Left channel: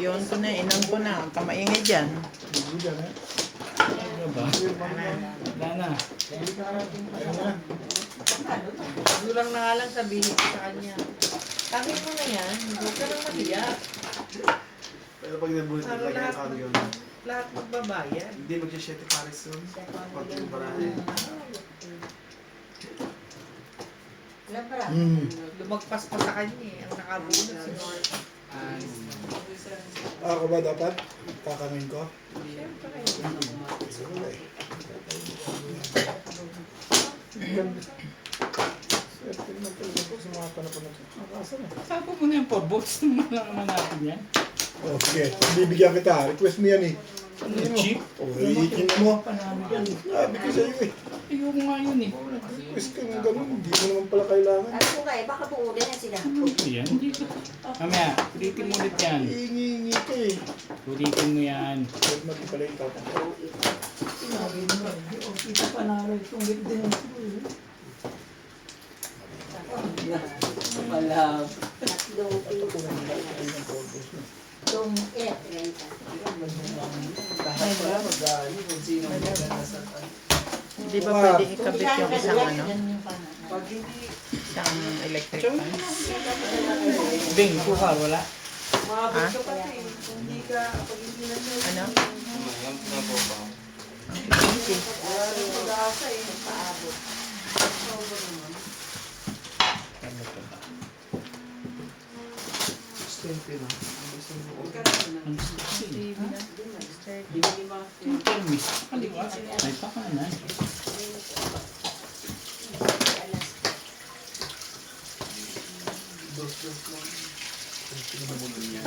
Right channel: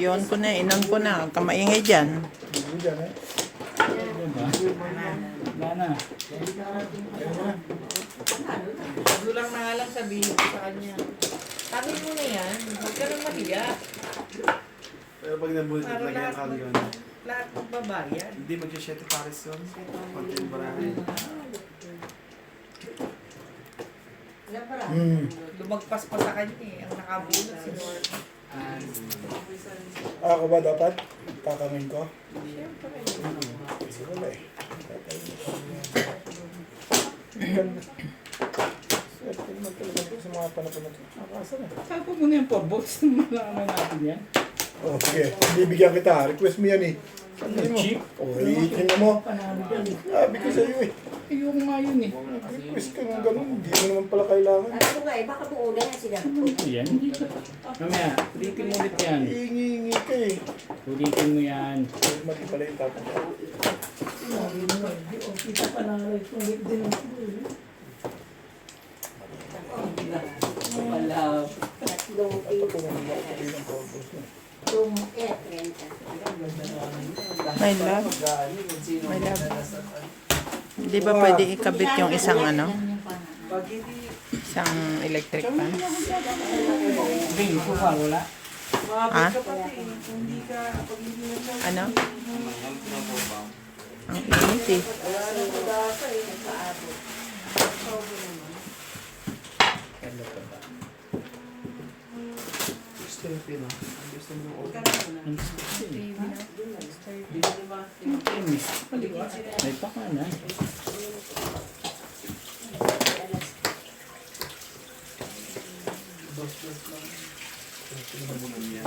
Yun ko na, inom ko na. Huwag kang maingay dyan. Hindi dyan eh. Ano ba? Wala na. Gulang na nga lang sabihin ko sa kanya. Sabi mo na yan, huwag ka nang mag-iyak. Pero pag nabulit Para na lahat kami yun, Lahat magbabayad. hindi magsya-7 pares yun. Pati yung marami. Lumagpas pa sa kanya eh. Ang nakabulot si Norma. Ako ba dapat? Takamin ko? Siyempre. Kasi wala eh. Swerte naman talaga po sa mga panapon na ito. Nakasa na. Tapos mo na yung porbox naman natin yan. Okay, bibigyan kita. Request mo yan eh. Sabi mo. Cheap? Oh, iitin na mo. Panalo yan. Sabi ko sa'yo eh. Ayoko nga yun eh. Request ka ng ganun. Hindi mo naman pala kailangan. Ano nga eh, baka buulan na sila. Ano ba yan? Hindi ko. Mamaya, ulitin mo ulit yan. Iingi-ingi ka eh. Ulitin mo yan. Huwag mati pala yung tatang ko. Kita panalo itong week din. Wala. Tatlong Ito po naman ako pati ng purpose na. tatlong renta. May love. May love. Di ba pwede ikabit yung isang ano? Isang electric fan? Bing, kuha, wala. Ha? Hindi ka, pag hindi na mo. Ano? Ang init eh. Pag-asa eh, nagpaabot. Extended na. Gusto mo yung Ang sexy. Ang miss. Ay, taka na. dos lang. Tinamunan niya.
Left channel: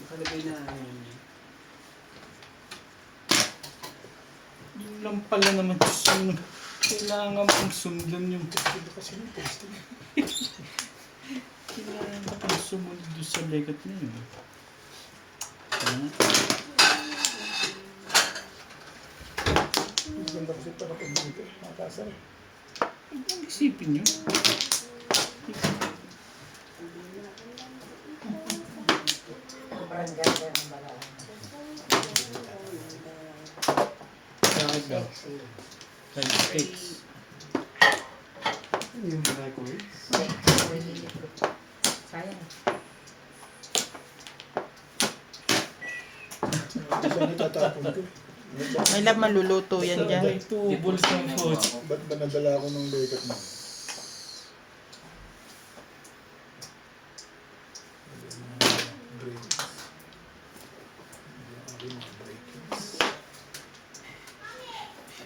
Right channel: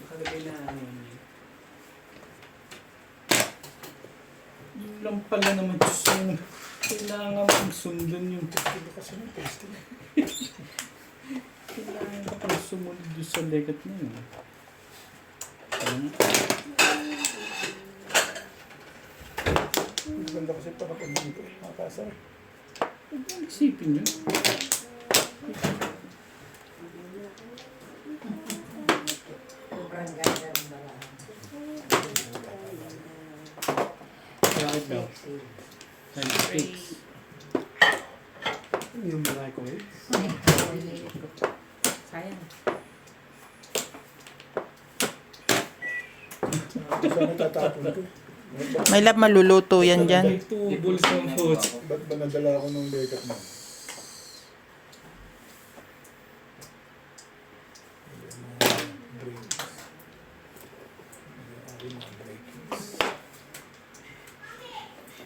Nakalagay na Yun lang pala naman yung kailangan mong sundan yung Ito kasi ng taste niya. kailangan mong sumunod doon sa legat na yun. Ang ganda kasi para pag dito eh. Makakasar eh. Ang isipin nyo. Sobrang ganda ng balaan. Bakit ba? Sexy. Handfix. Ano yung microwave? Sayang. Ito siya natatapon ko eh. May love, maluluto yan dyan. May tubos ng food. Ba't ba nadala ako ng legat mo?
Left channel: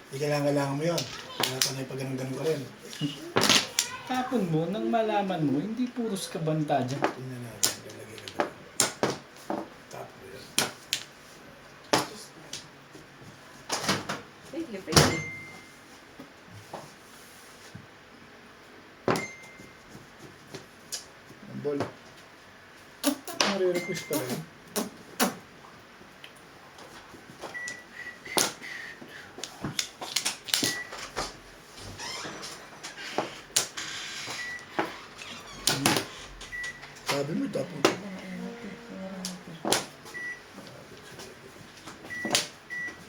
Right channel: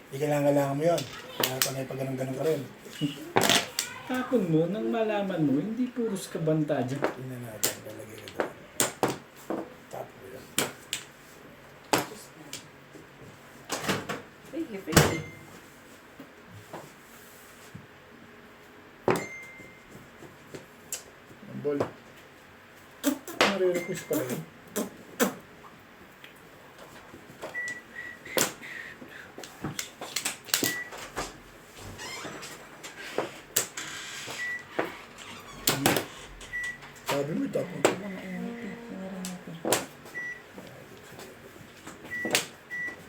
Hindi kailangan mo yun. Kaya pa na ipag-ganong-ganon ka rin. Kapon mo, nang malaman mo, hindi puros kabanta dyan. Tingnan natin. Lalagay ka doon. Tapo yan. Pwede, pwede. Ang ball. Nare-request pala yun. Sabi mo, tapon ko.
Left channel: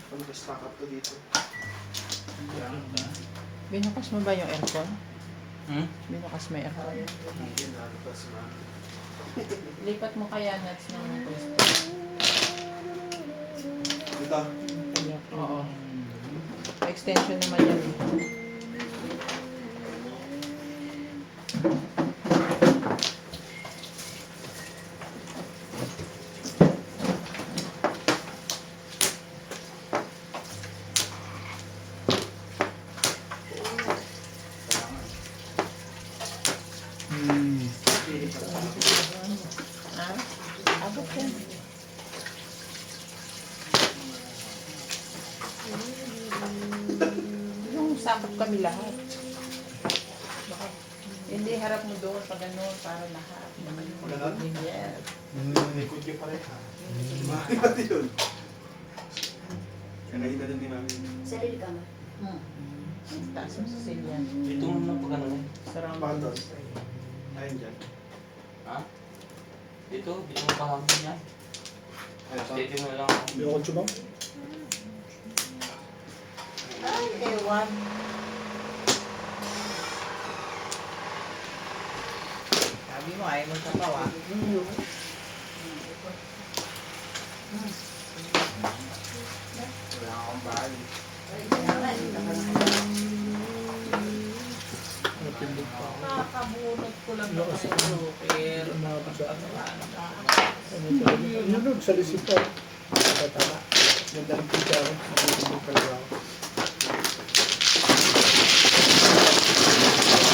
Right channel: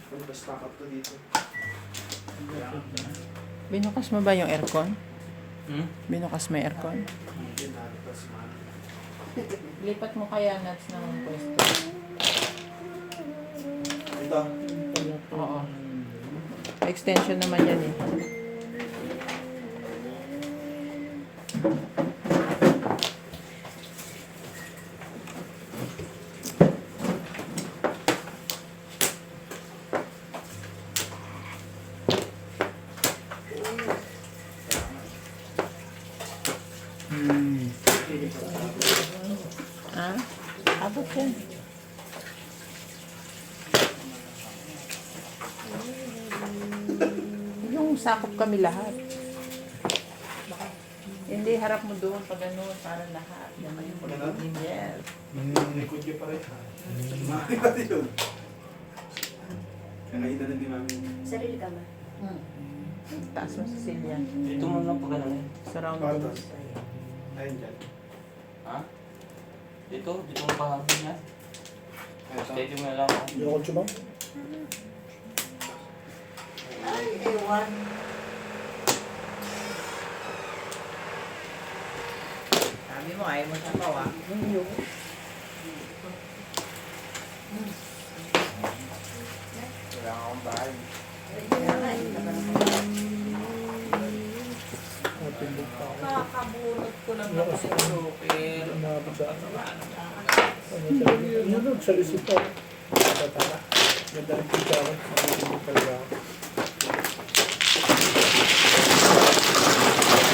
Punta stock up to dito. Binukas mo ba yung aircon? Hmm? Binukas mo yung aircon? Lipat mo kaya nuts ng pwesto. Ito. Oo. Extension naman yan eh. Ah? Abot yan. Yung sakop kami lahat. Hindi Hindi, harap mo doon pag ganun, para lahat. Lahat? Yes. Likod niyo pa rin. Mami pati yun. Nakahita din di mami. Sarili ka mo. Taas mo sa silyan. Ito mo lang pag ano. Surround Bakit mo. taas? Ayun dyan. Ha? Dito mo pahabol yan. Ayun, sa Dito mo lang ako. Yung kotse ba? Ay, ewan. Sabi mo, ayaw mo tapaw ah. wala akong bahay. Napindot pa ako. Nakakabunot ko lang Wala ako kasi. sa joker. Umabot sa ano. Ano talaga? Yun nun, sa resipo. Tama. Ganda ng pizza ako. Mabutulog talaga ako.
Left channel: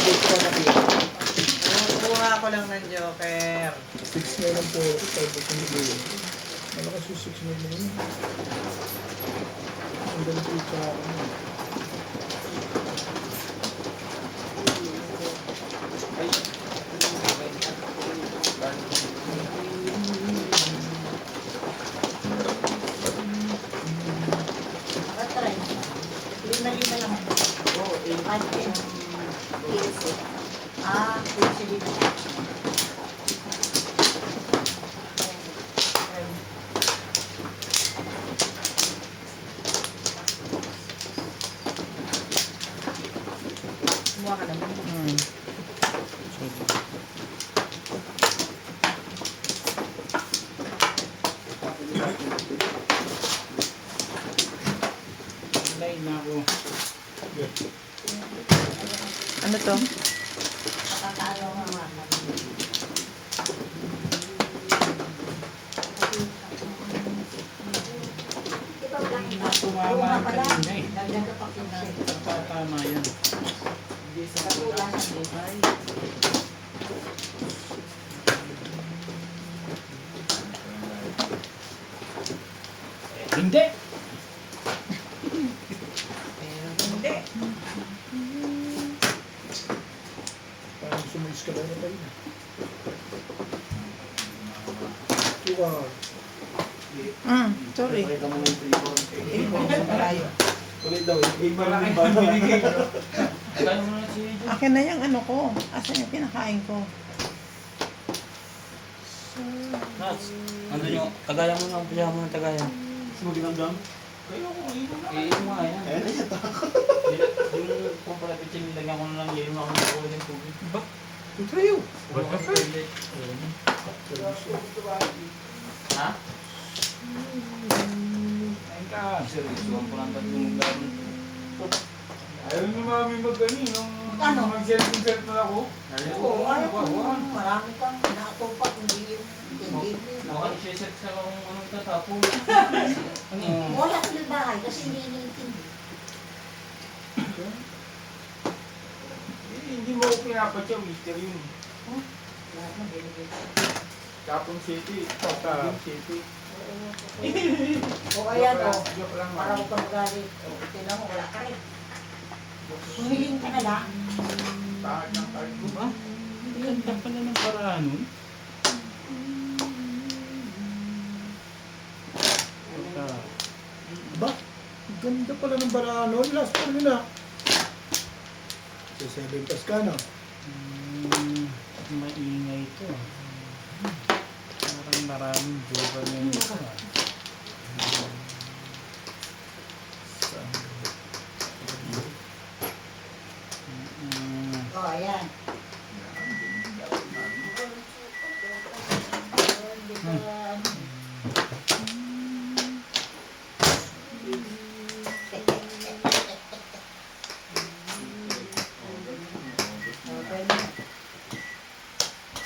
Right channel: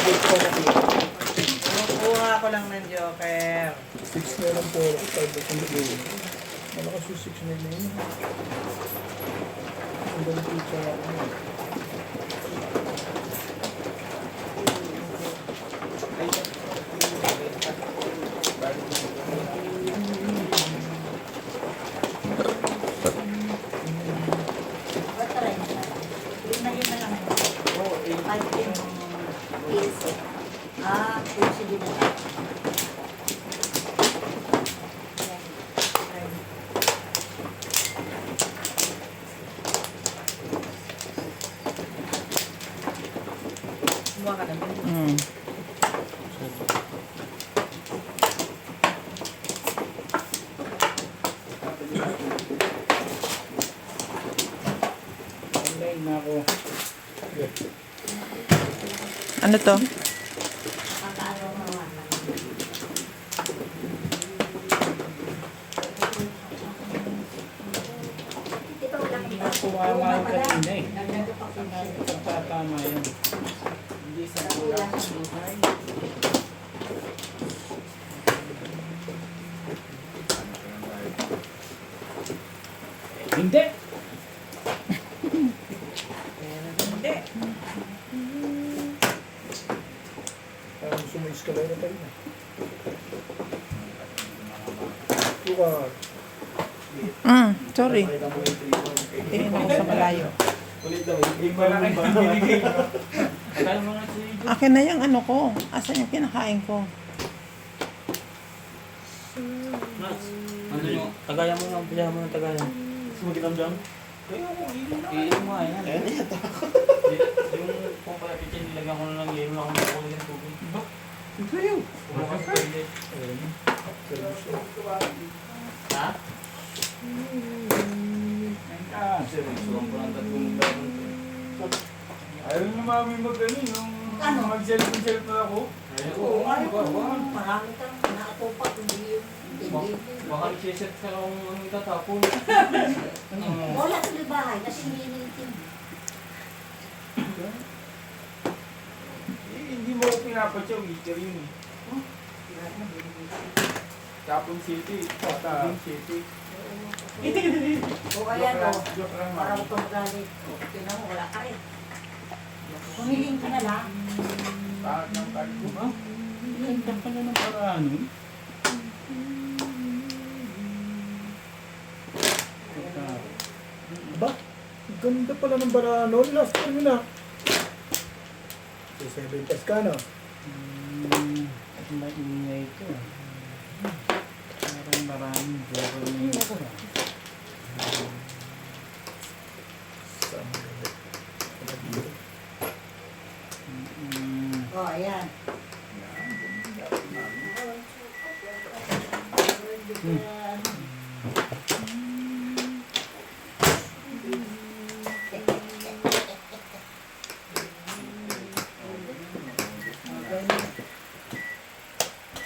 Wait pa na kayo. Kuha ko lang ng joker. 6 na lang po ako. 5 ako nag-iwan. Malakas yung 6 na yun. Ganda ng pizza ako. Patray. Lima na lang. Oo, lima. 15. Ah, 15 din na. Kumuha ka naman. Online na ako. Ano to? Nakakaano nga. Di ba wala kang Tumama ka kanina eh. Nagdado pa 15. Tatama yan. Hindi sa Wala. buhay. Hindi! Hindi. Parang gusto mo escalera pa yun. Tuka. Sorry. Eh, sa malayo. Ulit daw. Malaki yung binigay. Kaya mo na si Joe. Akin na yung ano ko. Asan yung kinakain ko? Mas, ano yung, tagayan mo ng piyahan mo ng tagayan. Gusto mo dinamdam? Kaya ko, iinom nga yan. Yung kung pala pitsin, nilagyan ko na lang yelo na ako ng kulay ng tubig. Diba? Ikaw. Wala kang toilet. Ha? Ayun ka. Seryosoan ko lang tatlong gawin. Ayaw niyo mami mag-ano yung Ano? mag-self na ako. Oo, ano ko. Marami kang nakatupak. Hindi yung hindi. Baka i-set ka kung anong tatapon. Wala ko yung bahay kasi hindi iniintindi. Hindi mo ako pinapatya, Mr. Yun. Kapon City, Kapon City. O kaya to, Joke lang. para huwag kang magalit. O, tingnan mo, wala ka rin. Humiling ka na lang. Bakit ng card ko ba? Ganda pala ng paraan nun. Aba, ang ganda pala ng barano. Last one yun ah. So, 7 pas ka na. Maingay ito. Parang maraming joke na yun. Saan ang gabi? O, ayan.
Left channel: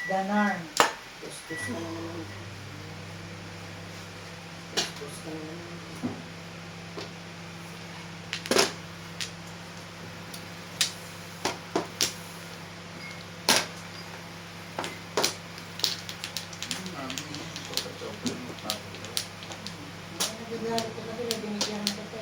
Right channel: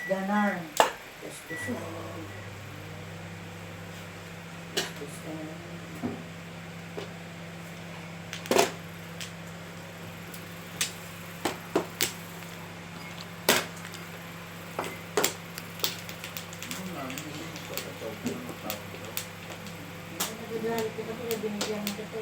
Ganon. Nagagalit ko kasi binigyan mo kasi.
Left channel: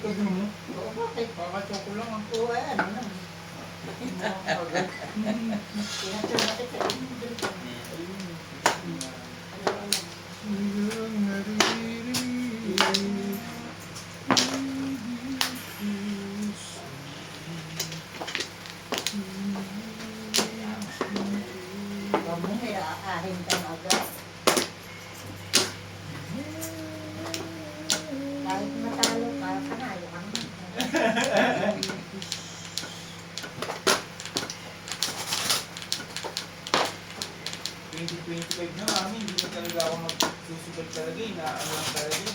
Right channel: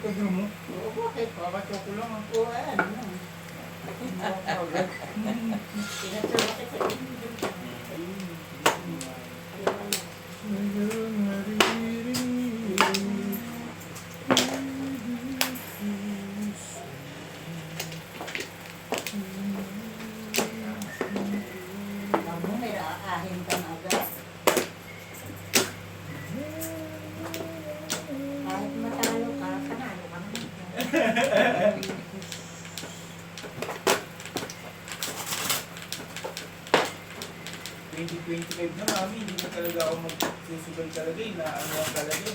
likod mo. Oo, bakit? Kakachoko lang ah. Oo, ay, ano lang. Tinatulog kita sa inyo. Kamu may aahin kang agad. Kahit matalo ka, panalo ka naman. 2025 na mami, hindi na talaga ako magsusugal talaga eh. Ano lang talaga eh.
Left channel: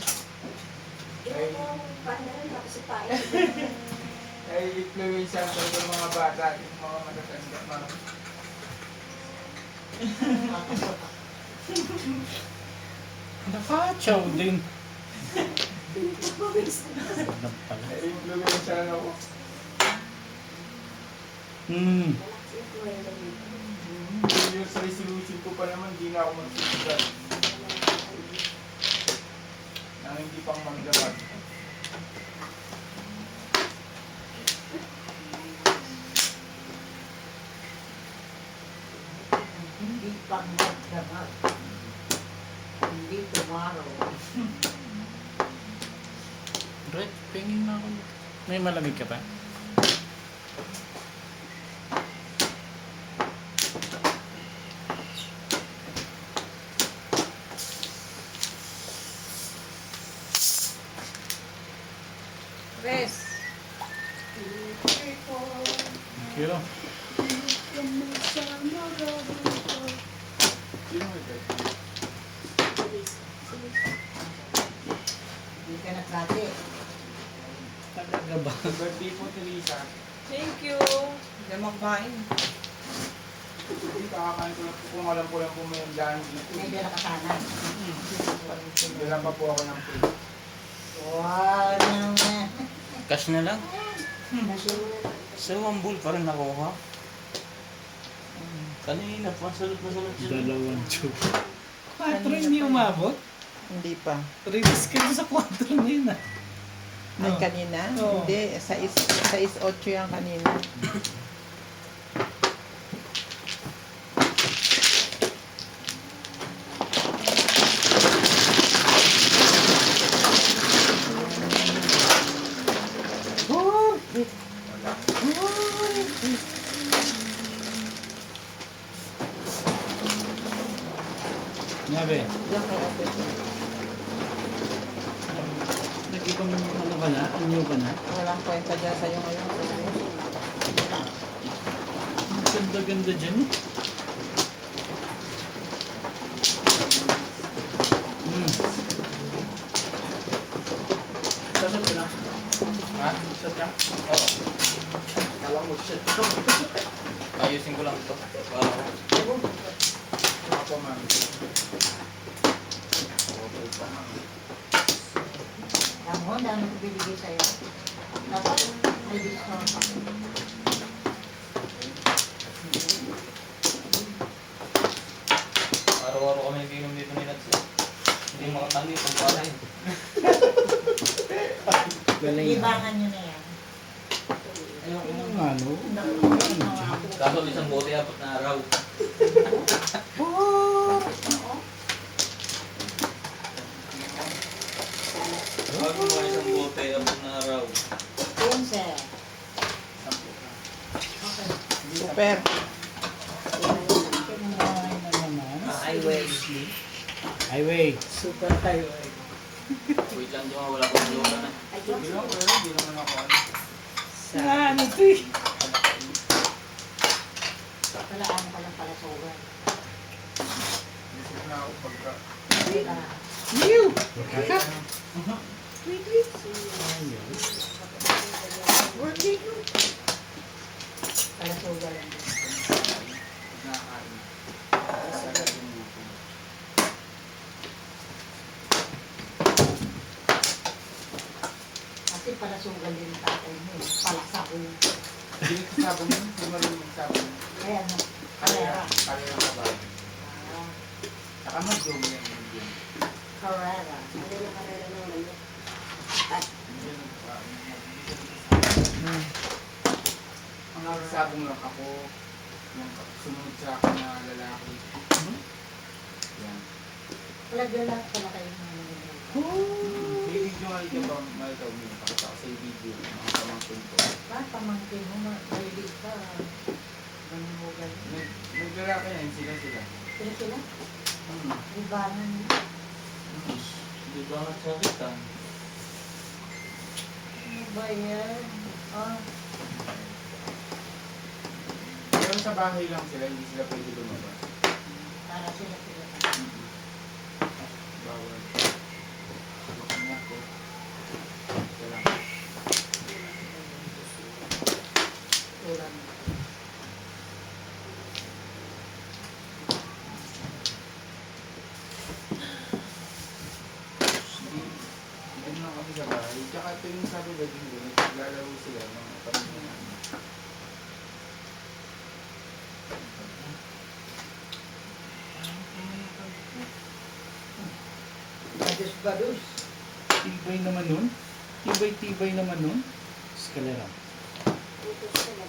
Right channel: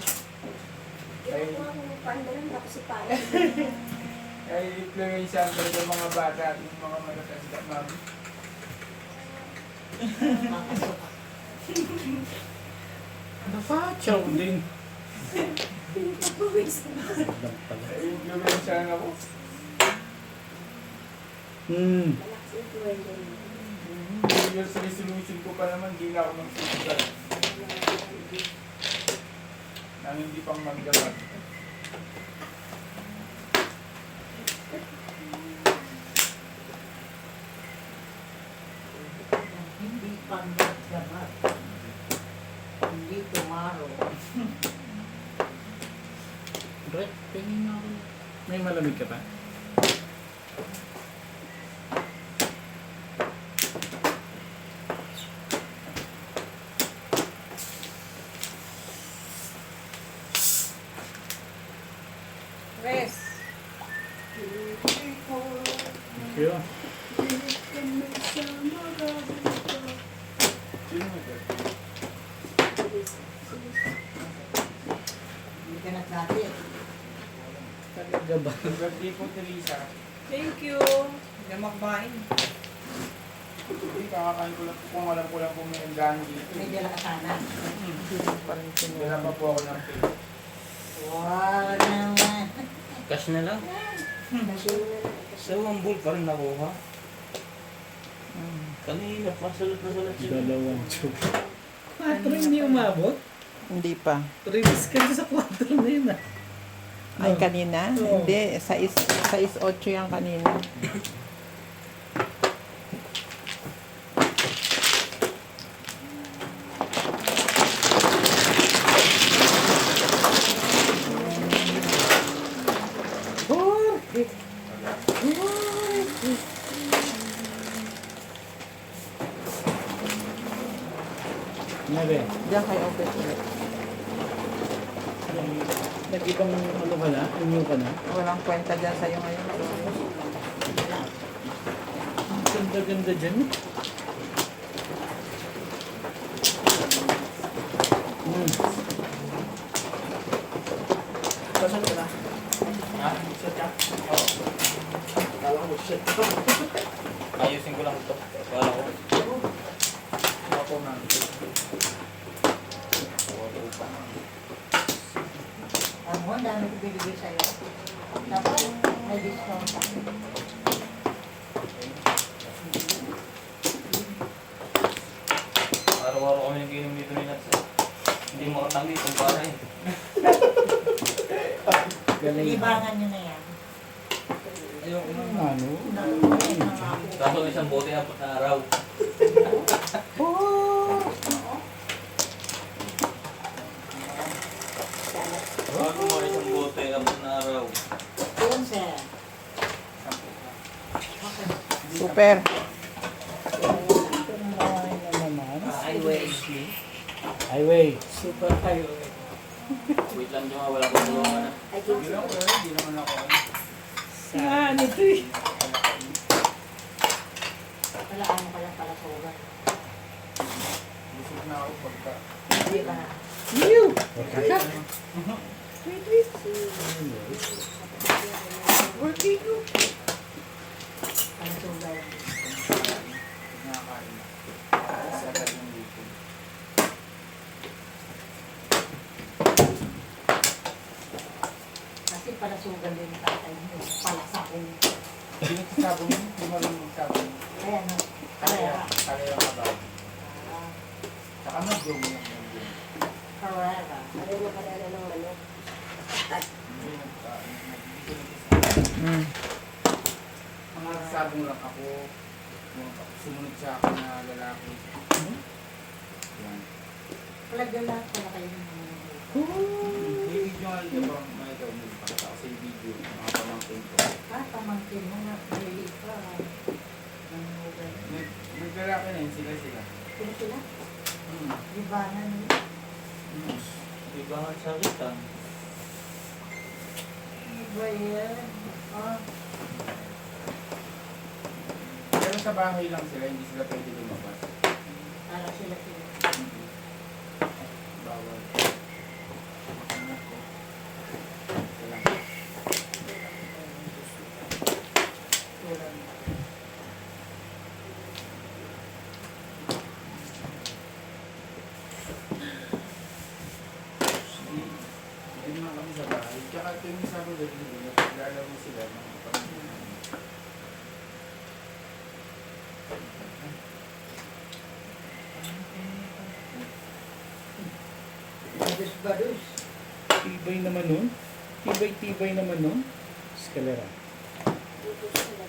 Ay, ay influensya talaga yung mga bata at yung mga malakas mami. Chow din. Ay influensya lang ako. New Year's resolution ko pa naman, hindi na ako magsusugal. Nang hindi pang magdapat. Hindi pang magdabat. Hindi tomorrow. Red, pingin na ako. May malamig ka ba? Rest. Thank you. Sino mo ito? Hindi ka nagsabi. Talaga ba? Birthday po, Teresa. Thank you. Hindi makbain. Hindi, kakakain ko lang po kung alam ko lang po may daan dito. May dala ka sana. Dala pa po ako ng pay. Wow naman. Cash na lang. Sa Wambul pa rin nakuha. Kanina pa, salut na salut siya. Dalawang chow. 4 hindi umabot? Hindi pa. Release ka sa 4 na yun ah. Ay, No. kanina? Oo. Hindi, 6-8 yan kanina. Nabe, Diyan kay ate. nag-ibang ano ba na? Anyo ka na? Walang kwenta dyan sa'yo ngayon. Ang ganda-ganda dyan. Saan ko na? Ha? Saan ka? Oo. Kala mo siya. Ayusin ko lang ito. Para ko. Ako, mami. Ang mo, dami ko binigay sa'yo. Dapat may discount pa. Araw-araw kami nag-inom dito ni Nats. Hindi makatangi kung paano yun. Galing. Libangan nyo na yan. Ayoko na. Ano? Kaso isang bote 4 na araw. Bago mo isang bote 4 na araw. Yun, sir. Super. Highway. Highway. Super highway. Wait lang doon, wala akong buwan. Hindi lang, pero hindi naman ako. Saan ito eh? Wala ano pa lang pala sober. Isip na ako pagka. Hindi ka na. New! Pala sober. Nakakain na. Sagad yung lupo. Kasi pala sober din ang tatay mo. Pala sa akin. Hindi nagsasabong yun. Hindi marunong magsabong. Kaya no. Kalera. Carrera. Kalera ka ba? Saka mag-bloom yan yung bloom. Carrera. Hindi nagkain. Mm. Mga sabong rak ako, yung sumunod sa akin na lalaki. Yan. Palagala pala kayo ng mga Hindi nyo nga ito ba makita mo pakita sa video, mga pamangkin ko. pamangkin mo na maliliit ka. Ang mobile. Naglalaki na yun sila. Sila? Libangan. Hindi ba ako sakit ah? Ano ba yan? Ah, Pero sa bahay lang sila, hindi sila pwede lumabas. para sila. Bawal. Anak ko. Ito lang. Wala. Hindi na kami sa bahay. Tsaka tuwing sabi gabi nila, lalaro sila ng mga pamilya. Badus-badus. Tibay naman nun. Tibay naman nun. Eskalera. Dito sila.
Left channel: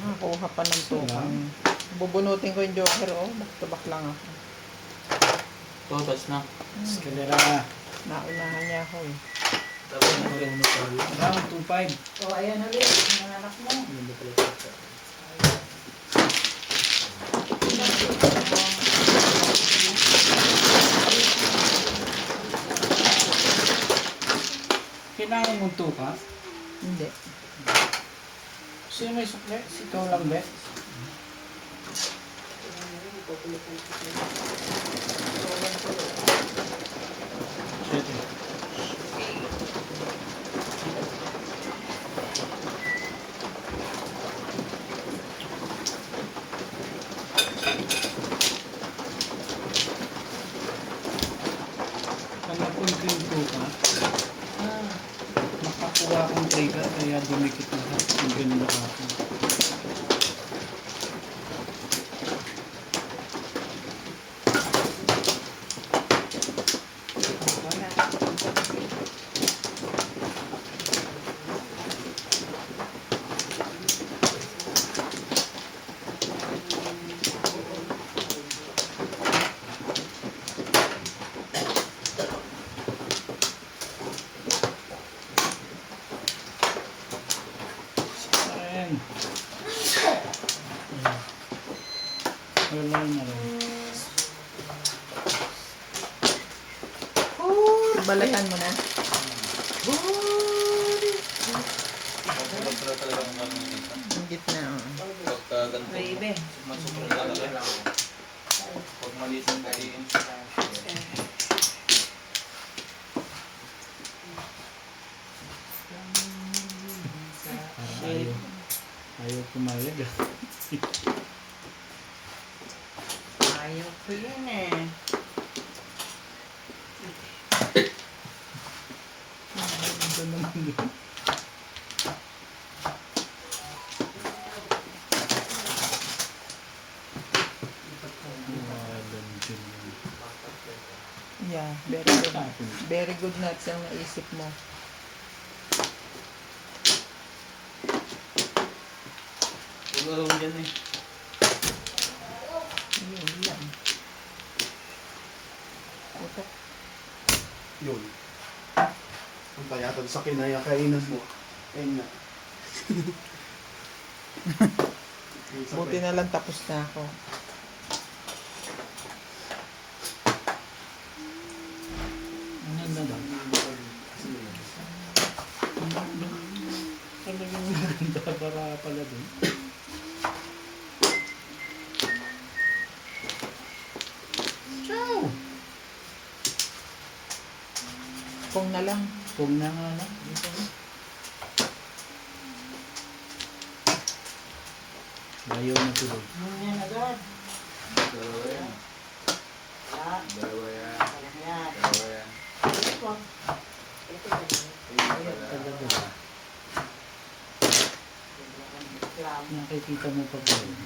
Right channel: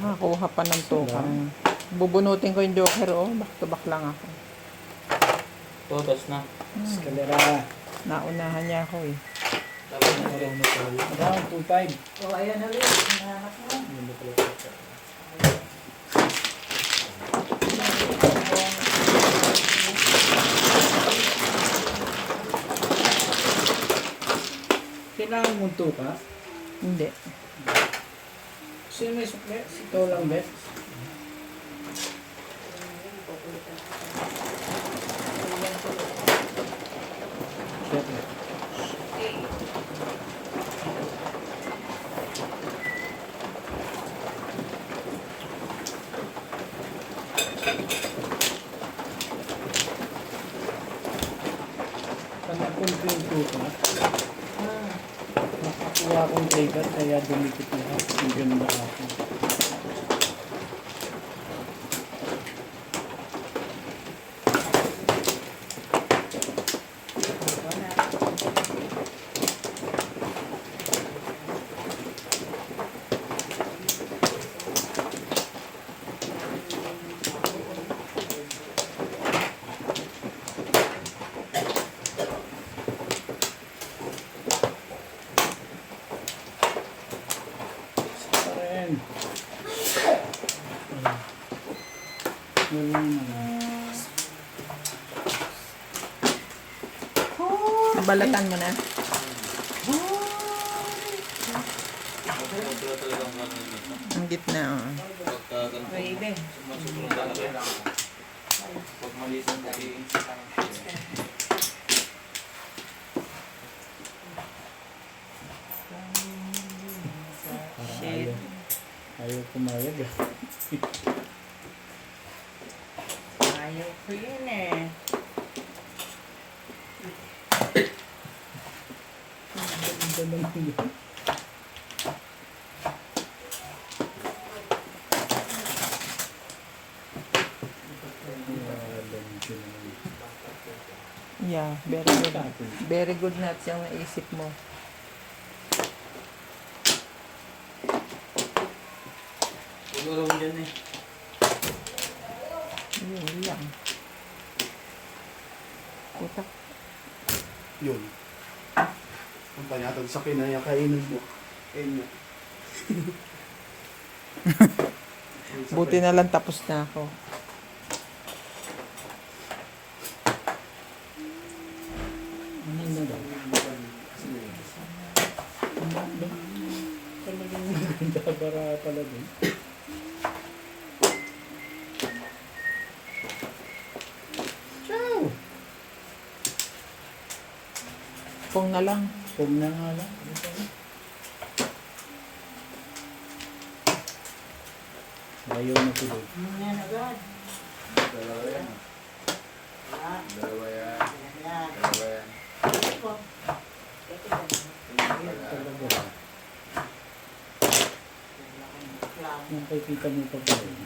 Nakakuha pa ng tukang. Bubunutin ko yung joker, oh. Back to back lang ako. Totas na. Eskalera. Naunahan niya ako eh. Tapos na Parang na tayo. Down, 2-5. O, ayan ulit. Ang anak mo. Ano pala ito? Kailangan mong tuka? Hindi. Sino may sukle? Ikaw lang, Bet? Siyete. Panapunting tuka, nakakuha akong trigger kaya dumikit na yung ganun ako. Ayan. Wala na lang. Balatan mo na. Sobra talaga ang gano'n nito. Ang gitna, oh. Pagka ganito, Baby. sumunod talaga. Huwag malisang katiin sa Parang ayaw. Ayaw pumayag ah. Ayaw ko yun eh. Ito naman yun. Yeah, very good. Very good nuts yung naisip mo. Siguro dyan eh. Yun lang. Ito. Yun. Ang payatod sa kinaya-kainan mo. Ayun nga. Buti na lang tapos na ako. Ano na lang? Talagang maganda para pala din. Ciao! Kung na lang. Kung na nga lang. Ayaw na tuloy. Ayan agad. Dalawa yan. Wala. Dalawa yan. Wala yan. Dalawa yan. Wag. Ito ba yun? Talaga. Reklamo. Nakikita mo pa ba yun?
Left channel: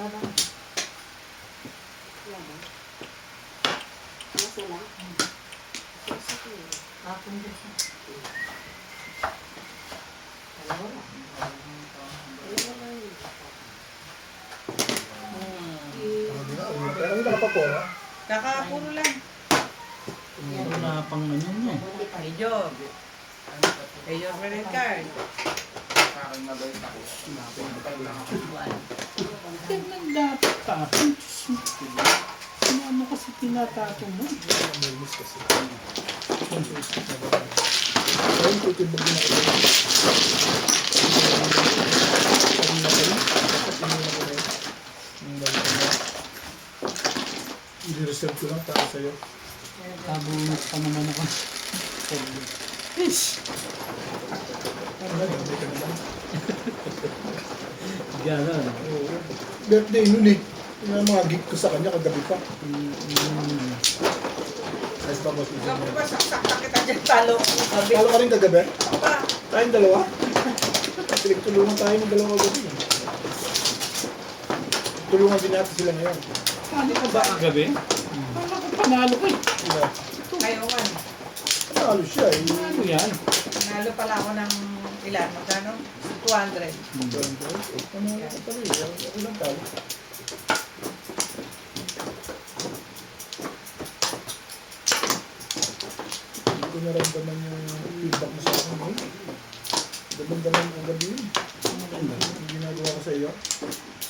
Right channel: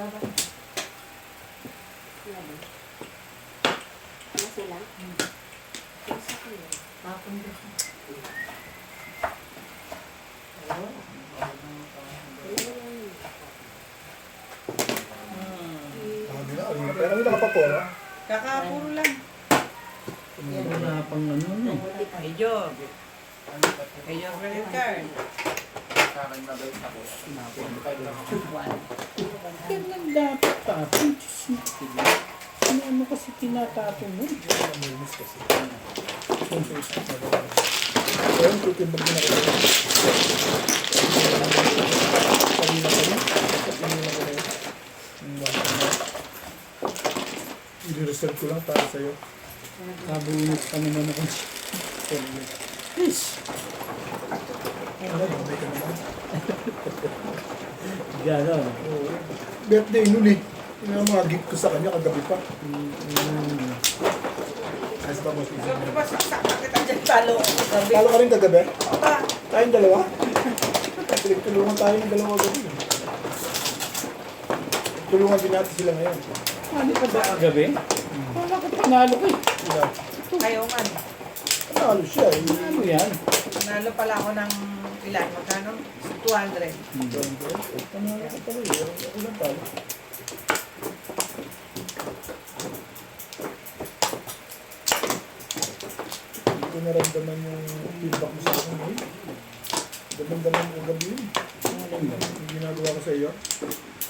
Laban. Laban. Ano sila? Isa ko yun. Tapong dito. Ayun. Sabi na, pero ano nakapapolo? Kakapuro lang. Wala pang ano no. Medyo. Medyo credit card. Sa akin mabait ako. 25 lang ako. Ganyan dapat tapon. Diyos mo. Ano kasi tinatapon mo? Namimiss kasi. Ayun, tutimbag din ako. Kanina pa rin. Kanina ko rin. I-reserve ko lang para sa'yo. Kabunot pa naman ako. Fish! Ano na, damay ka naman. Ganon. Oo. Birthday nun eh. Yung mga gift ko sa kanya kagabi pa. Ayos pa, boss. Sabi ba, saksak na kita dyan, talo ko. Sabi, Talo ka rin kagabi? pa. Tayong dalawa? Tulungan tayo ng dalawa gabi. Tulungan din natin sila ngayon. Ano ka ba kagabi? Parang ako panalo ko eh. Sila. Ayaw nga. Panalo siya eh. Ano yan? Nanalo pala ako ng ilan, magkano? 200. Panalo ka pala eh. Ako lang talo. Hindi ko naramdaman yung feedback mo sa akin ngayon. Daman-daman ko gabi yun. Yung ginagawa ko sa iyo.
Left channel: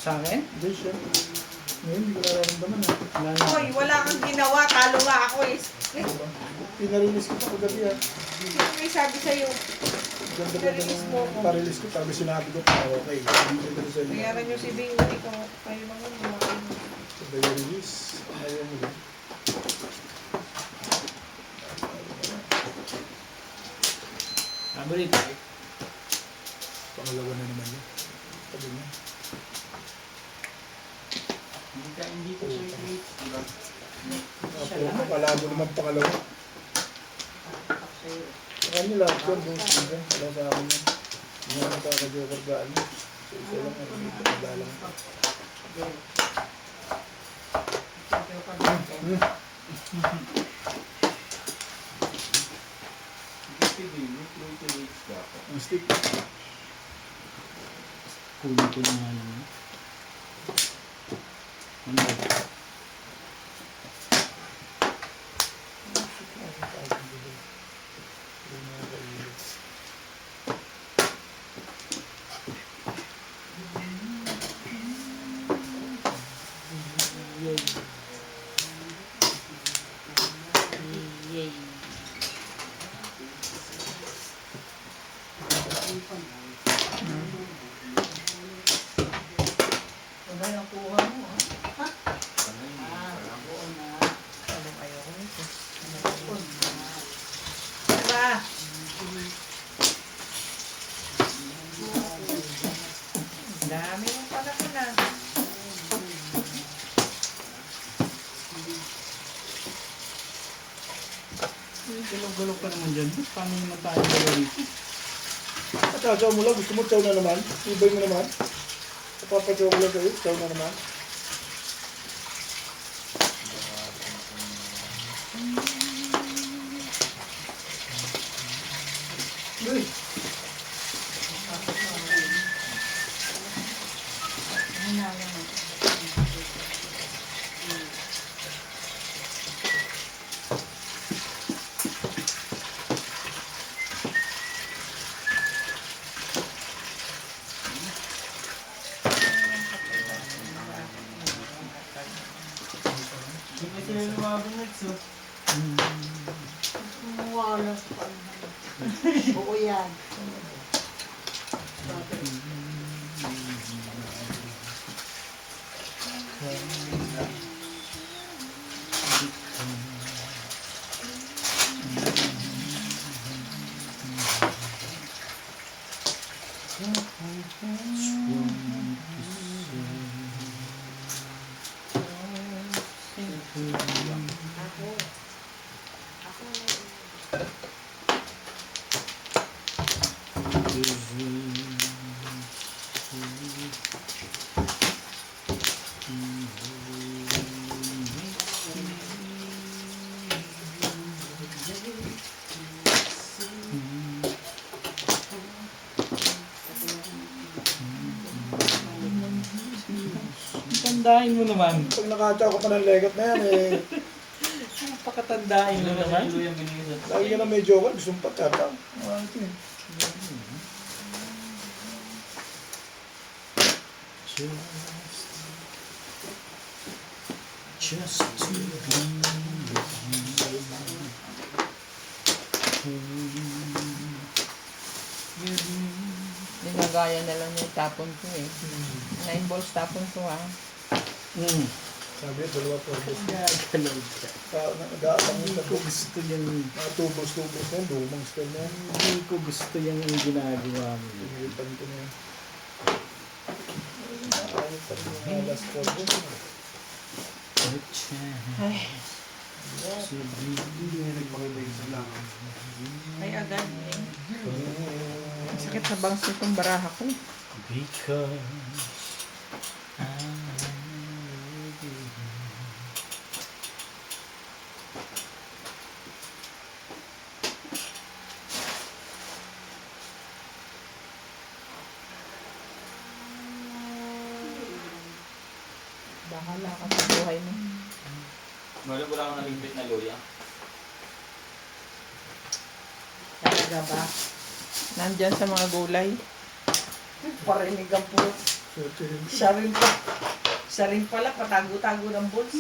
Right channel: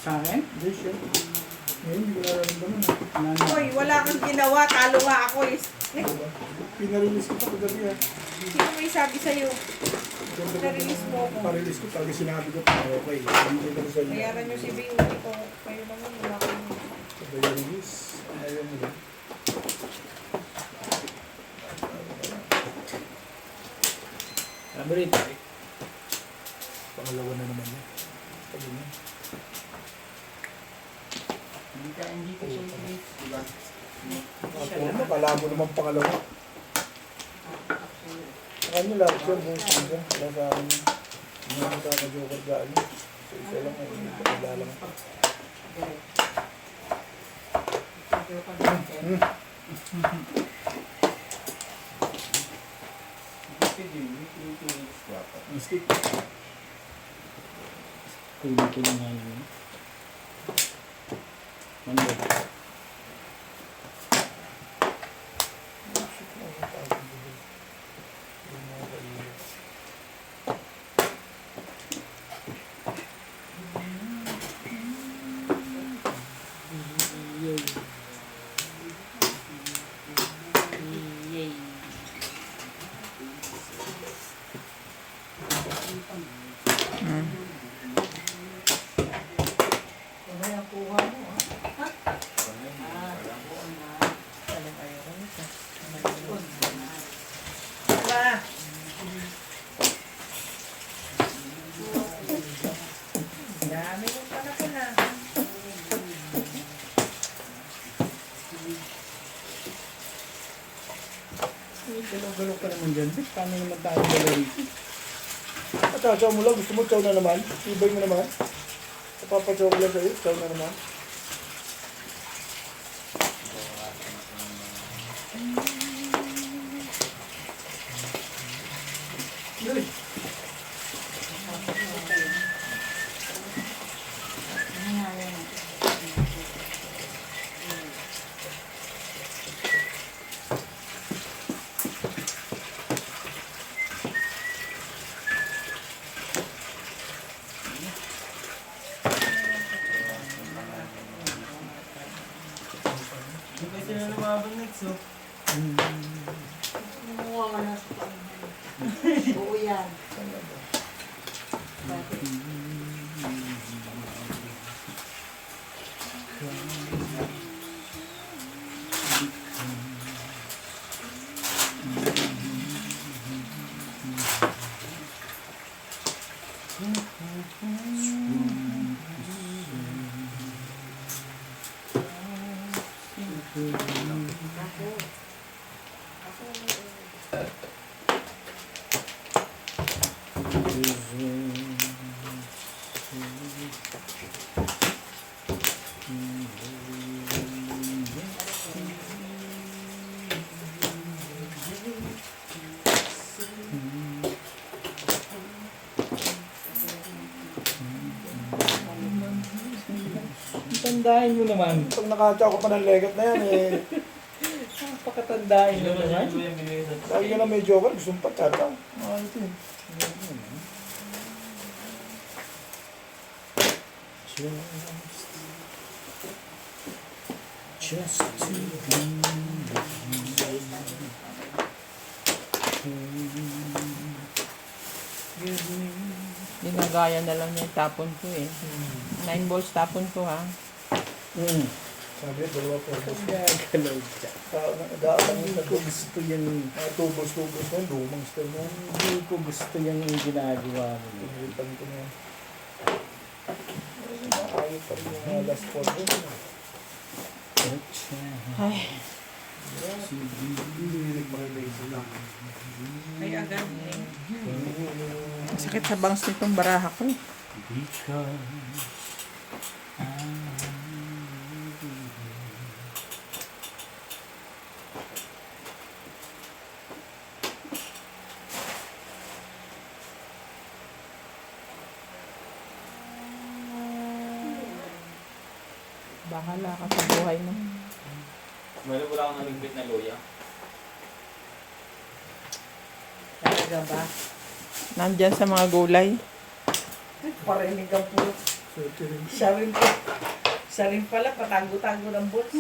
Sa akin? Hindi siya. Ngayon hindi ko nararamdaman ha. Hoy, wala kang ginawa, talo nga ako eh. Diba? Pinarilis ko pa kagabi ha. Sino may sabi sa'yo? Ganda-ganda ng parilis ko. Tapos sinabi ko pa okay. Hindi ko sa iyo. Bayaran nyo si Bing, hindi ko kayo naman. Wala kayong... Sabay yung release. Ayaw mo lang. Sabi rin. Pangalawa na naman yan. Sabi niya. Hindi ko siya i-release, diba? Ako mo, kala mo naman pangalawa. Sa kanya lahat yan, boss. Diba? Wala sa akin yan. Hindi naman kaka-joker gaan. So, isa lang yan. Hindi ka naglalang. Sige, may 2 weeks dapat. Ang stick. Kunin ko na nga yun. Ano ba? Diba? Dami mong pala ko na. Gulo-gulo pa naman dyan. Paano naman tayo galaw rito? At chow mo lang. Gusto mo chow na naman? Ibay mo naman. Papachow ko lang sa'yo. Chow na naman. Uy! Hindi sila lumabang next, oh. Wala sa panahon. Oo yan. Tandain mo naman. Pag nakatsa ko pa ng legat na yan eh. Pakatandain mo naman. Lagi ka na may joker, gusto mo pa tatang. Ito eh. Just to Ginagaya na lang niya yung tapon ko eh. 9 balls tapon ko ha. Sabi niya, dalawa purpose. gagalaw ka. Nag-aabang yung Hindi ko gusto yan. mga tubos-tubos na yan, lumang style na yan. Hindi ko gusto yan yung ginagawa mo. Pinilitan ko na yan. Ayaw pa rin yung mga last purpose. Ay, Ay, agad eh. sakit sa bangs nitong baraha ko. Because Bahala ka sa buhay mo. Meron wala akong nalimpit na loya. Talaga ba? Nandyan sa mga gulay. Parinig ang po. Swerte rin. Siya rin pala, patago-tago ng balls.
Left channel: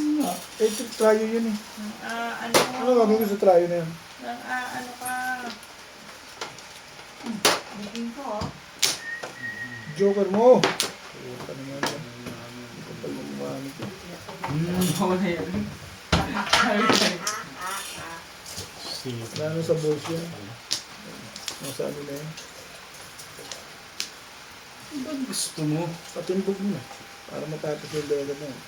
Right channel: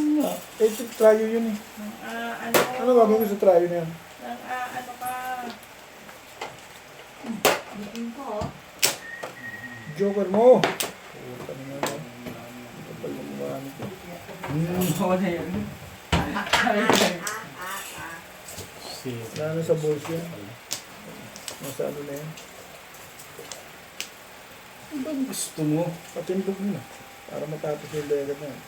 Eh, tryo yun eh. Ano? Ano gagawin ko sa tryo na yan? Ano ka? Bitin ko, oh. Joker mo! Puta naman oh. Kapal mo kumamit eh. Wala yun. Lalo sa balls yan. Nasa ano na yan. ano ba gusto mo? Patimbog mo na. Para matapos yung legat na yan.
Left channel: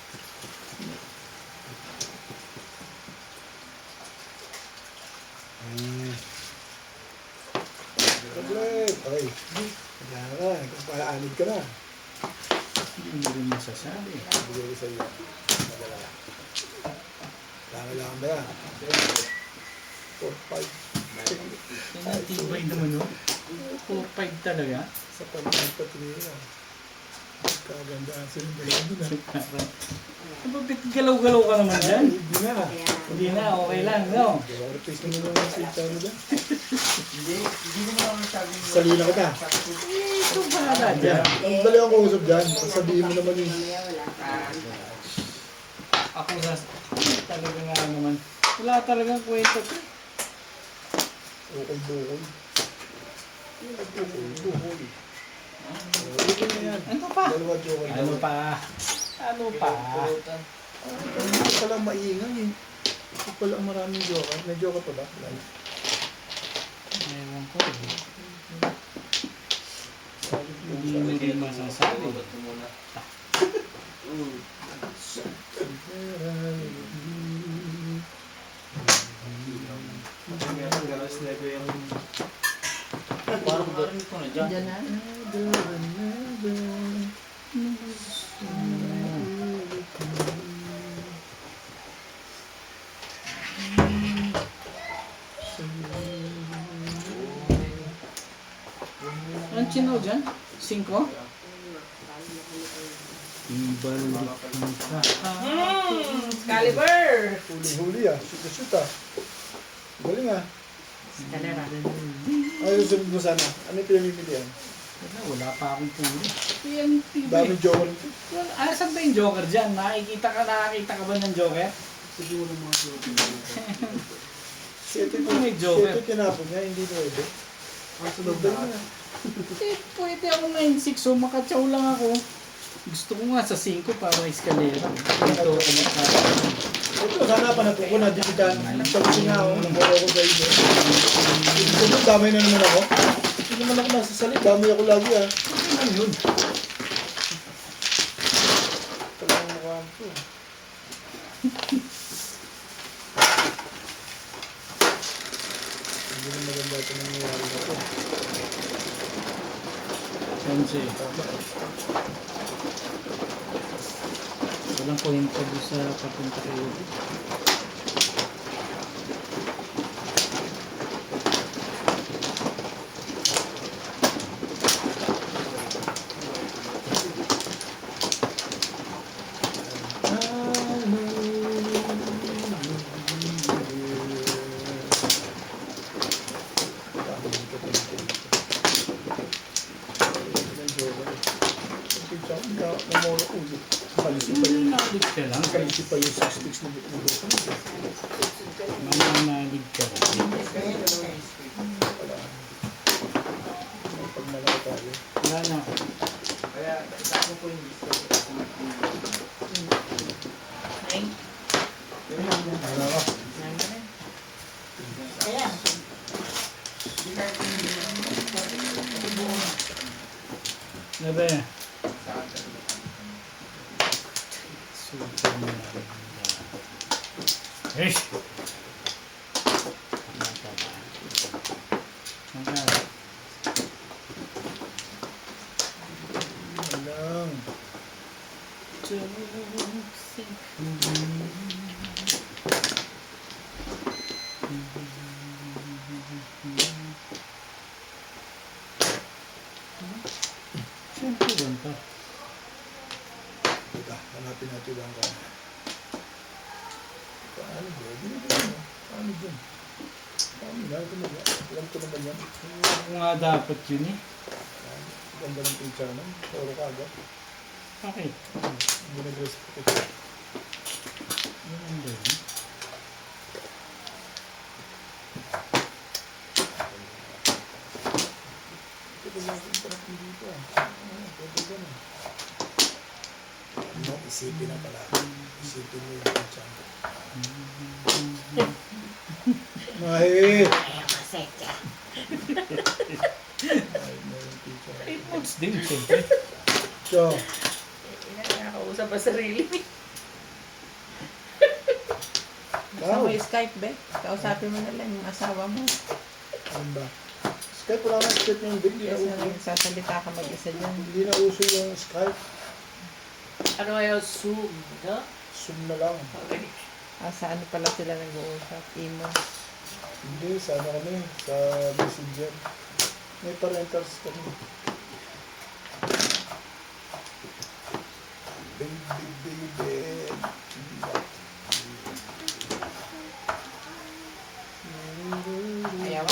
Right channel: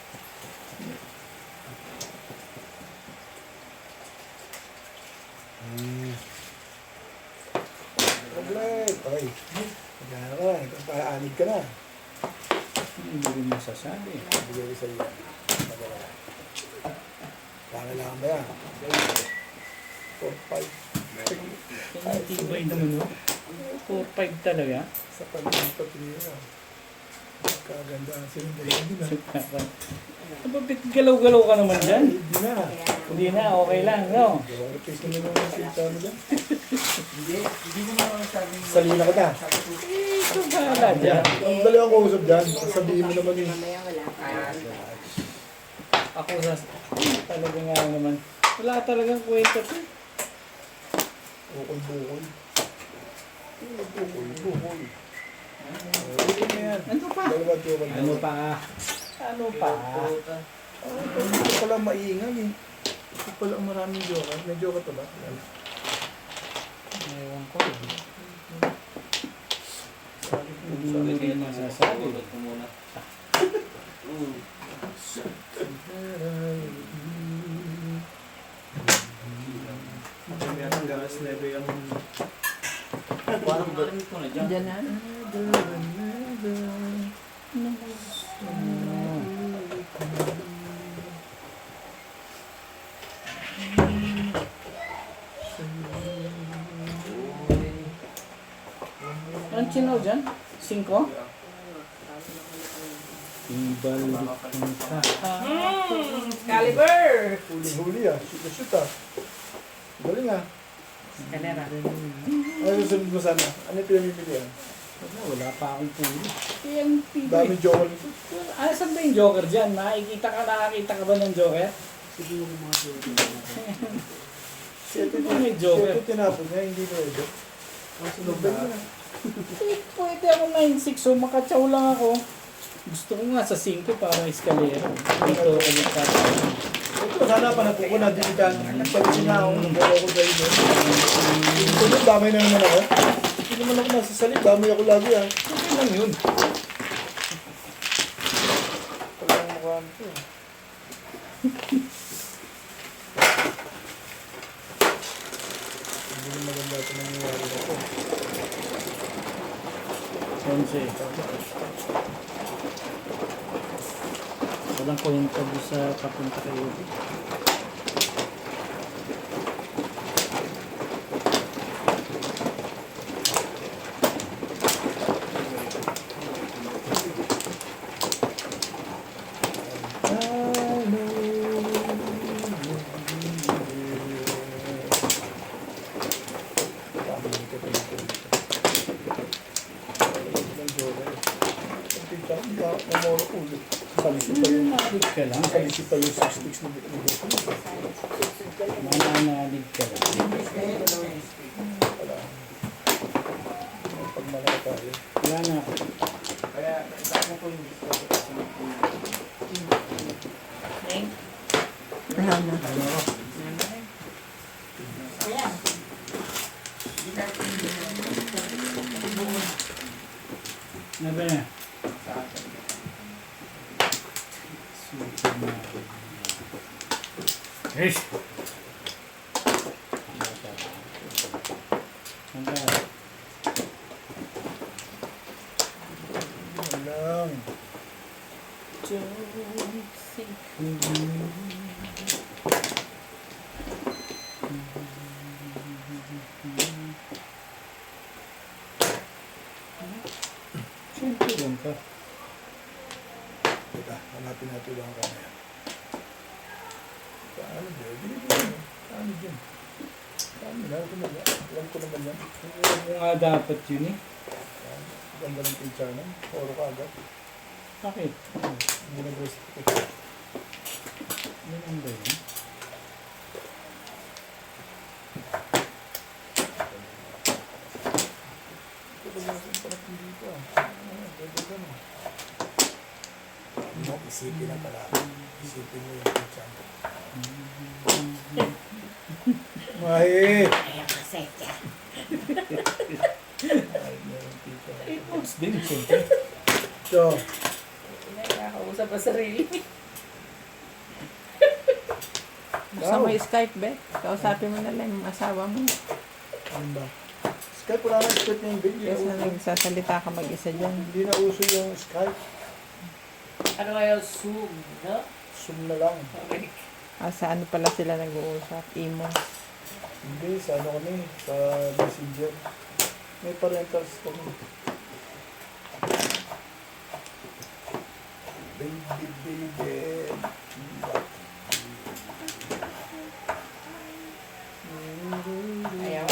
Problem! Ay! Kaya ka, nagpapaanid ka na. Hindi rin masasabi. Bigay ko sa iyo. Magalala. Kailangan ba yan? 4, 5. Ay, Tibay mo no? 4-5 talaga. sa pagiging patingin na. Kagandaan silang dalawa nila. Parang, bakit galaw-galaw ka naman dyan? Hindi na. Hindi na, okay lang, no? Replace naman yung sita mo dyan. Hindi mo naman masabing Salina kita. Ito bahala Yan. dyan. Ang dali akong kausap dyan. Sabihin mo naman yung Ako talaga nga naman. Wala talagang kwento. bukol-bukol. Bukol-bukol. Ito na yan. Ano pa? Dalawa joker. Ano pa? Ano pa? Ito pala maingay eh. Ito pala ang maraming joker. May joker pa ba? Wala na. Ewan ko. Sabi po Hindi sa mo rin masasabi. Ba't ko muna? Parang narinig ko na dyan. Diyan na. Anong chinaw dyan? 5? Ibalik mo ka. Caliber! Huli-huli ah. Shoot ah. Galing ah. Kalera. Ano susunod mo sana? Ano yung pinamimili yan? Wala pa akong puli. Yan, tibay. Daming joker nito. Saan ba yung joker dyan? Nakakita ka ba ng joker? Siguro mga joker. Si ito May joker. tinapon niya, hindi pwede. Masunod na. Pwede ako 9-6, so makatsaw lang ako. Gusto ko nga sa 5 para eskalera. Ito, Ito, sana pa napuko na, di kita nagpagsin nga ako, nagbawa ko kayo doon. Ito doon, damay na naman ako. Hindi naman ako nasasalit, damay ako lagi ah. ano yun? Talagang mukha mo ito. Hindi na maganda ito nangyayari na ito. 11. Walang kwenta doon sa papunta kayo. Kalisi pa yung Manalig ka lang. kalisi pa yung 6 sticks ni Buko. Manalig ka lang. Wala. Pag malaki tayo. Wala na ako. Kaya, isa ko po yung gusto ko sa Thank Ano ka? Ayan. Ano ba yan? sa atin. Super na. Rish! Ano ba? Yan lang. Siyempre doon ka. Teka, hanapin natin lang kaya. Paano ba? Binibigyan mo. Paano dyan? Paano na? Alam ko naman yan. Huwag mo nga dapat yun eh. Ganda ng picture naman. Oro ka agad. Bakit? Hindi nag-respect. Ano ba yun? Ito ba yung parang dito ah. Pwede ka na. Mo, isipin na pala. Isipin mo yung picture mo. Mahi! Kasetya. Ay, may picture. Foods din, siyempre. So, Nakakausap pa sarili. Ikaw. Sa may Skype, be. Kausapin mo na lang yung asawa mo. ano ba? Skype, wala na Skype ngayon. Hindi na Kasi uso. nagsasalita ka mag-isa dyan. Hindi na uso yung Skype. Ano kaya Zoom, no? Zoom na lang. Okay. Sa ano pala sila nag-uusap? Imo. Hindi, sa ano kami, sa Messenger. May parentals kami. Baby, baby. Ayaw.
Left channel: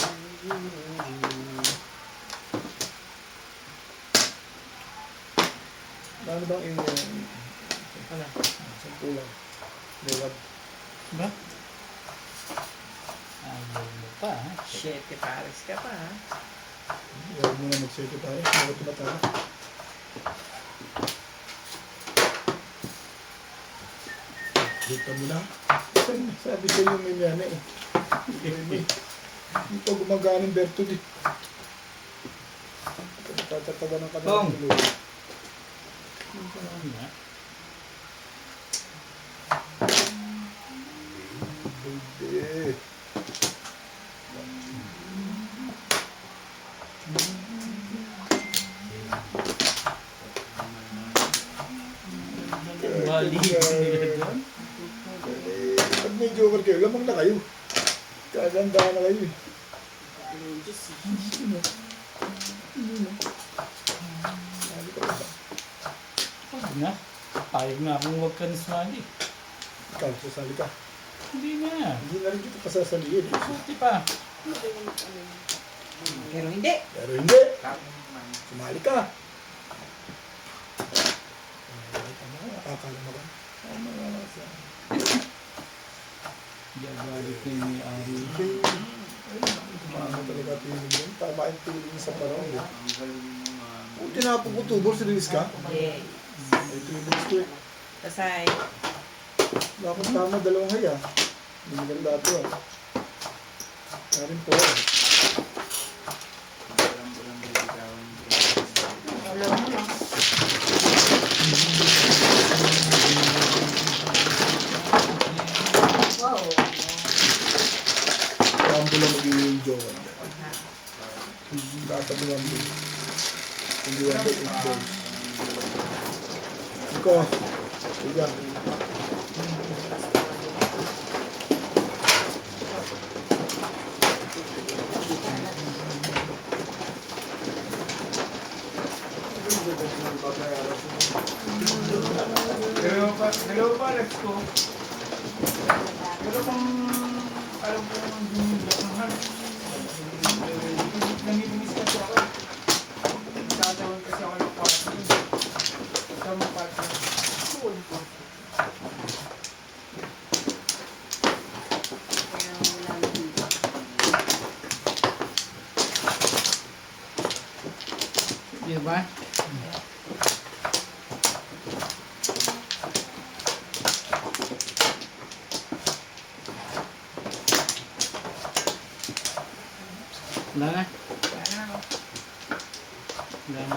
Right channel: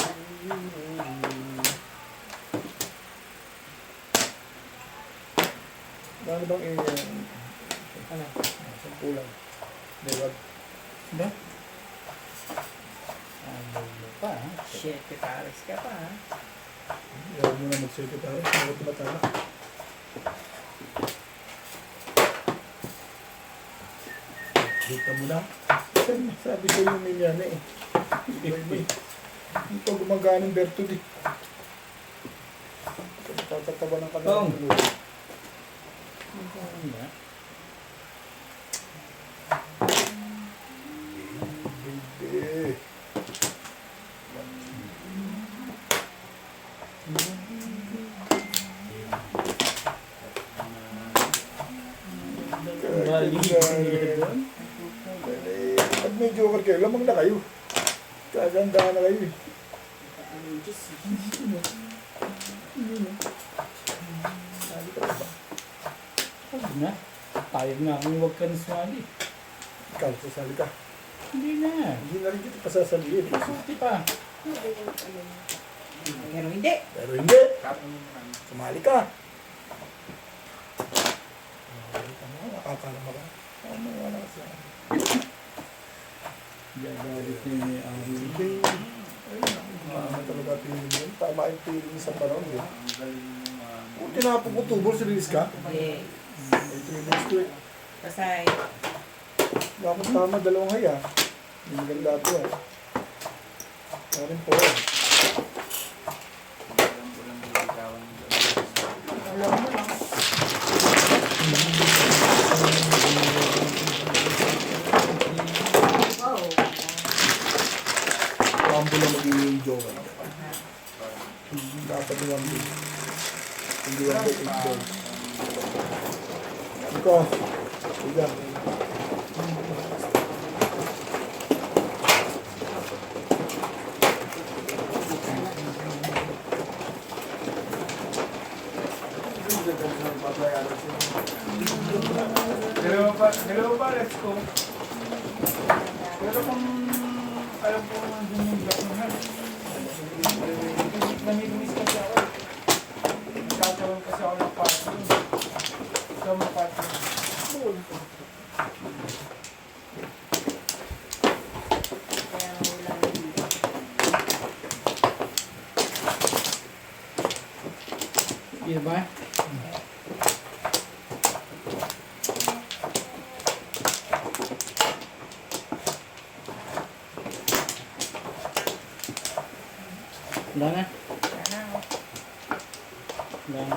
Ano bang Ano? sampulan? Dewag. Ba? Ayaw mo pa, ha? Shit, pares ka pa, ha? Ayaw mo na mag-sete tayo. Ako tumatala. Dito mo na. Sabi ko yung minyana eh. Hindi pa gumagana ng Bertud eh. Tatatawa ng Tong. kanal. Ano ba? Baby. Bali nila doon. Pag may joker kayo, lamang na kayo. Kaganda na kayo eh. Sabi ka ba? Huwag na. Payag na akong huwag ka na sumali. Ikaw, sasali ka. Hindi na. Hindi na rin kita pasasaliin. Suti pa. Pero hindi. Pero hindi. Kami naman. Sumali ka. Tama, nakakalama ka. Tama, wala siya. Hindi ako ulit na yung ari. Kumama talaga feeling yun. Tama yung feeling sa parang yun. Ang galing mo, ma'am. Kung tinapong ko tubol, serious ka? Yes. Ito yung gusto eh. Pasay. Wala akong tama, dalawang haya. Hindi maganda ito ah. Karin po. Walang bibigyawan mo. Alam mo lang. Wow. Rambo na magiging joker. Dapat yung Rambo. Hindi Rambo, 8 balls. Ikaw, sige. dalawa pa, let's go. Pero kung alam ko naman bumibak ng hanap, namiminis kasi ako. Tatawin kasi ako ng partner. Ikaw mga partner. Kaya wala na dito. Diba? Wala na. Wala na.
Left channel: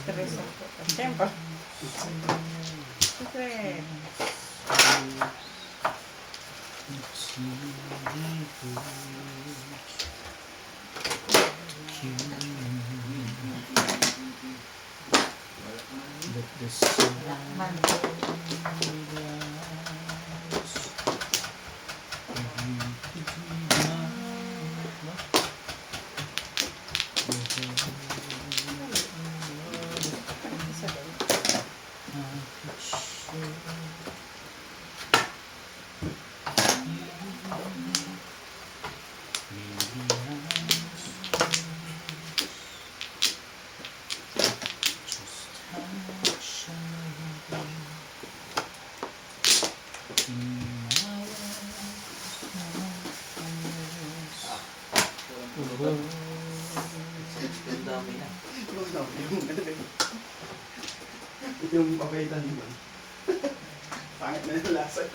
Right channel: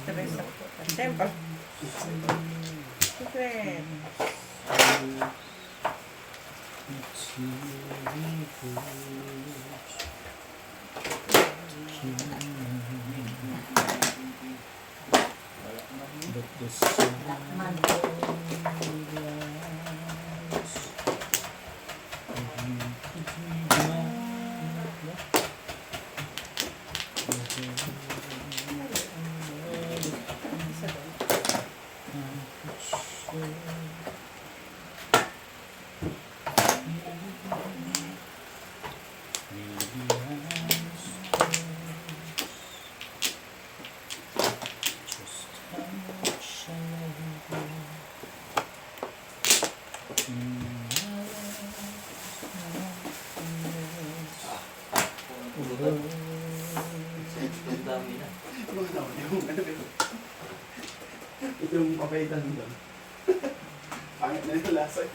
Stress ako. Siyempre. Siyempre. But the sun Yung papaitan nila. Pangit na yung lasa.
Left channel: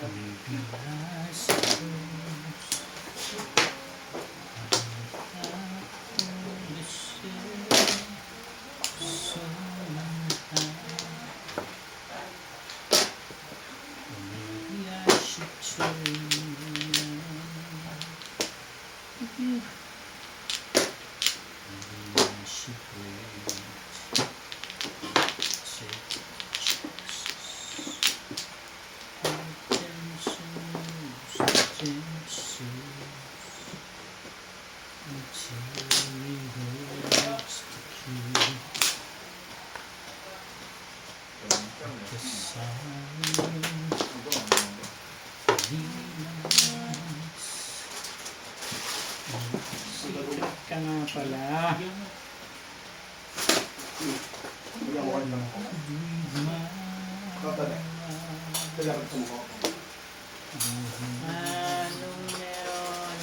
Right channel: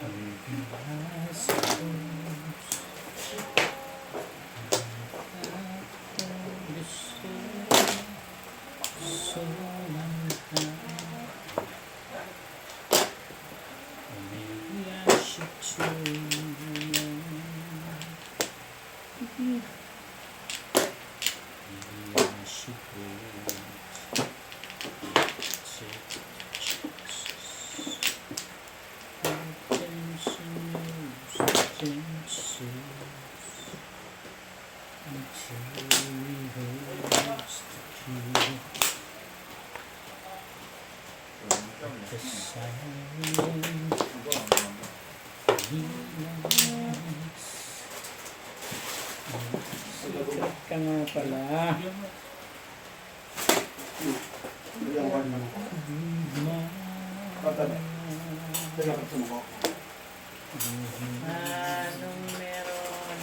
Ka nga pala. Kailangan sumuko. Anong meron?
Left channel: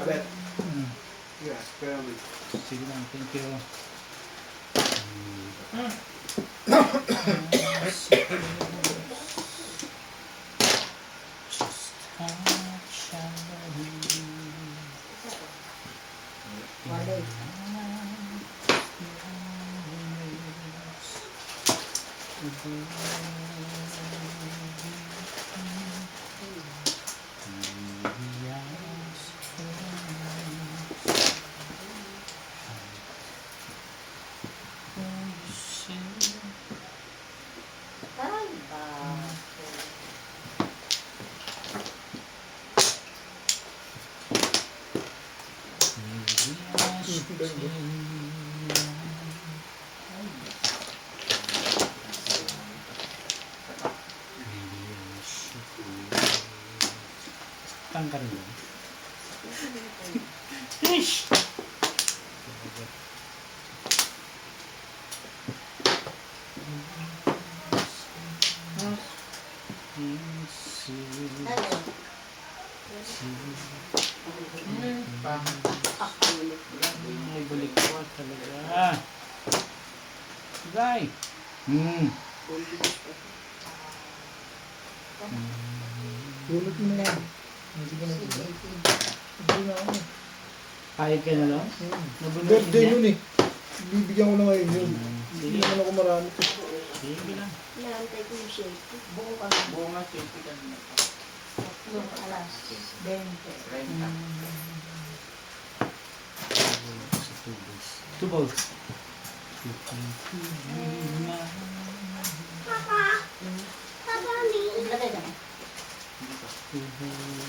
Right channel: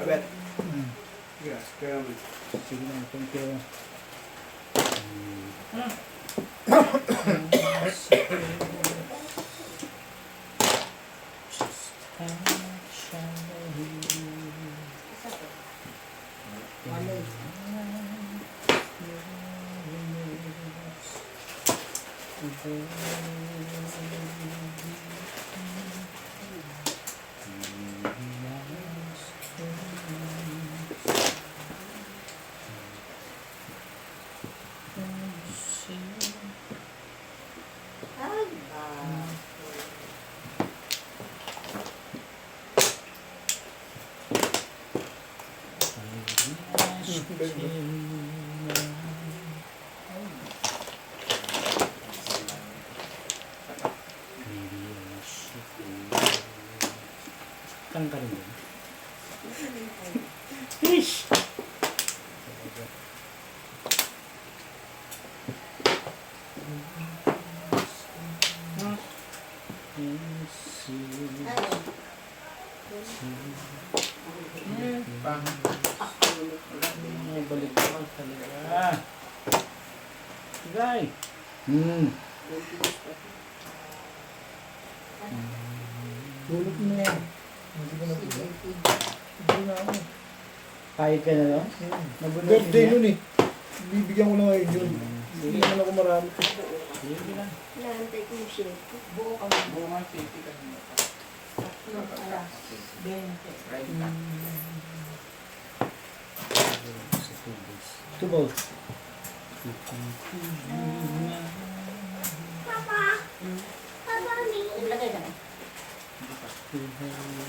Babet. Yes, kaya mo. Sige lang, thank you. Mali. Ay, Tangkal mo. Ish! ano? Ay, balik ko talaga. Guy! Gulot mo na yan. Hindi ko na gulot. Hindi na ako. Kahit ka na no? Birthday yun eh. Bibigyan ko na ngayon yun. Hindi naman ako marami. Sige lang. Naantay ko yung shake. Buo nga, 20 kanina pa. Yung alas 20. Renta. Two balls. Ilagay ka na. Two balls.